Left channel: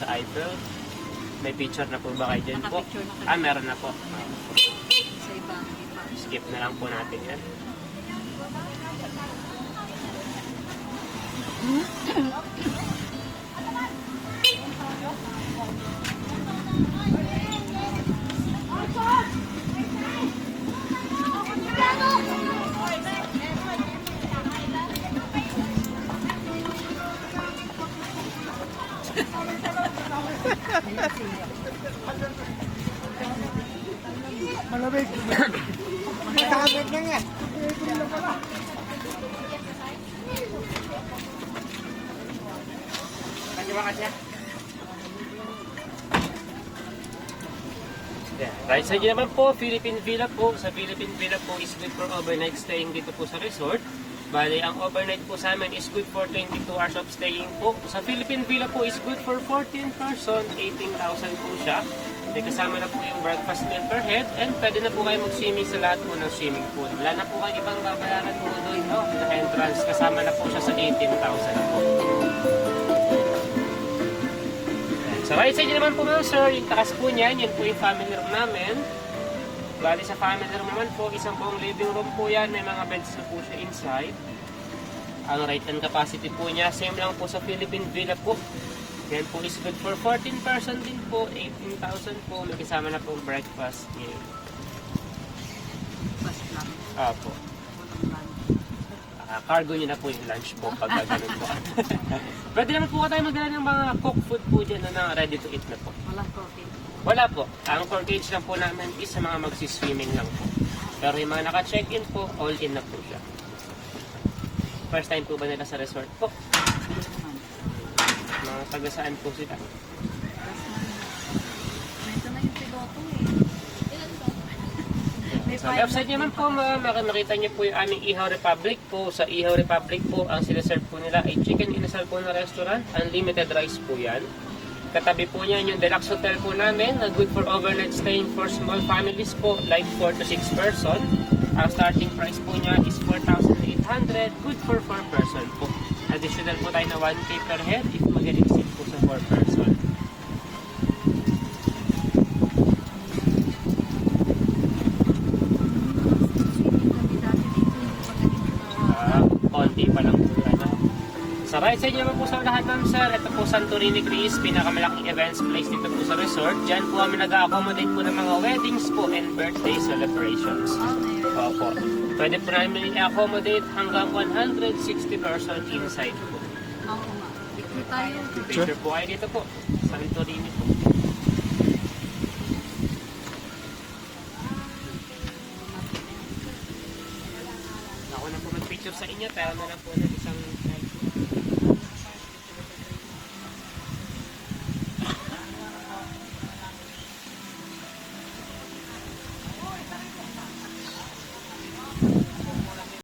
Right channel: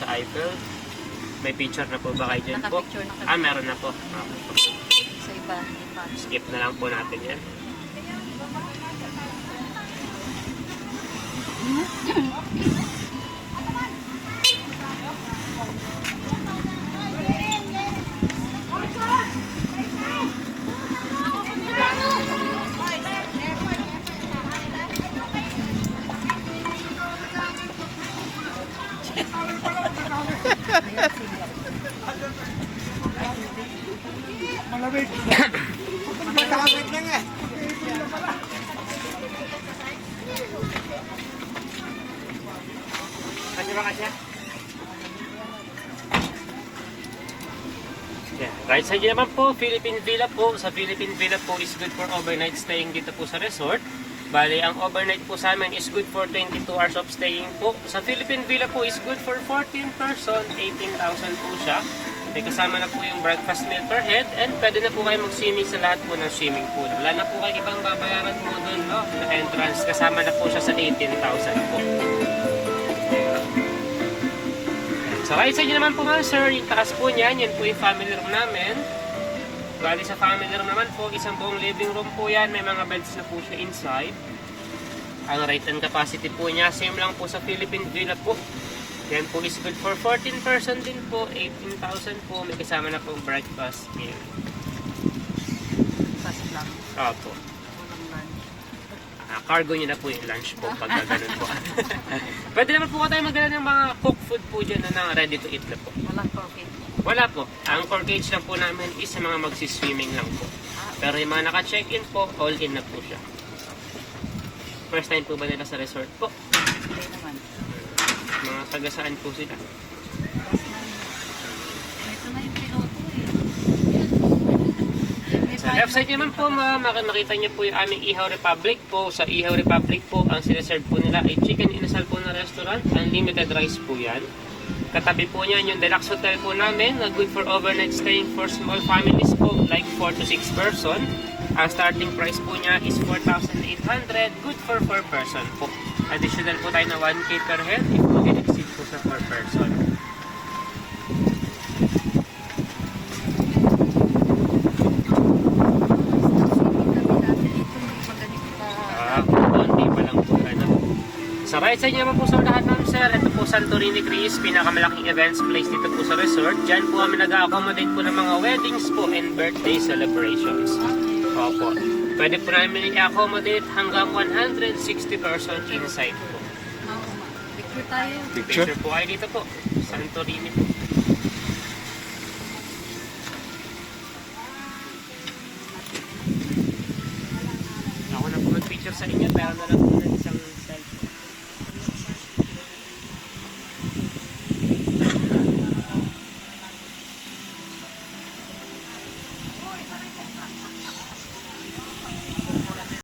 sa Eiffel. May picture na po ba kayo dyan po? Naka-picture na kayo. Ah, meron na po. Sa iba. Skip na lang po natin yan. Malamig. Malamig na nga. Yeah. Right side naman po, Philippine Villa po. Sa Philippine Villa po is good for overnight staying dito po sa resort. Bali, ang overnight po sa amin is good for 22 hours of staying po. Sa Philippine Villa po is good for 14 person, 18,000 po siya. May kasama na po yung breakfast meal per head and pwede na po kayo mag-swimming sa lahat po ng swimming pool. Wala na po kayo ibang babayaran po doon, no? Na entrance, kasama na po siya sa 18,000 na po. Sa right side naman po mga sir, yung takas po niyan, yan po yung family room namin. Bali sa family room naman po, isang buong living room po yan. May mga beds na po siya inside. Ang right hand capacity po niya, same lang po sa Philippine Villa po. Yan po is good for 14 person din po, 18,000 po. May kasama na po breakfast meal. Opo. Cargo nyo na po yung lunch po pag ganun po. Pwede naman po tayo magdala ng mga cooked food po dyan na ready to eat na po. Wala po, okay. Wala po. Ang core gauge lang po namin is sa mga magsiswimming lang po. Pero yung mga naka-check-in po, all-in na po siya. First time po ba nila sa resort po? Hindi naman. Mga taga-saan po sila? Ito na yung piloto eh. Sa left side naman po, makita niyo po yung aming Ihaw Republic po. Sa Ihaw Republic po, ang sineserve po nila ay chicken inasal po na restaurant. Unlimited rice po yan. Katabi po niyan yung deluxe hotel po namin na good for overnight staying for small families po, like 4 to 6 person. Ang starting price po niya is 4,800, good for 4 person po. Additional po tayo na 1K per head if mag-exceed po sa 4 person. Konti pa lang po na. Sa right side naman po sa lahat ng sir, ito po Santorini Greece, pinakamalaking events place dito po sa resort. Diyan po kami nag-accommodate po ng mga weddings po and birthday celebrations. Opo. Pwede po namin i-accommodate hanggang 160 person inside po. Oo nga. Picture tayo. Picture po kayo dito po. Santorini po. Ako na po mag-picture sa inyo, pero na lang po ng isang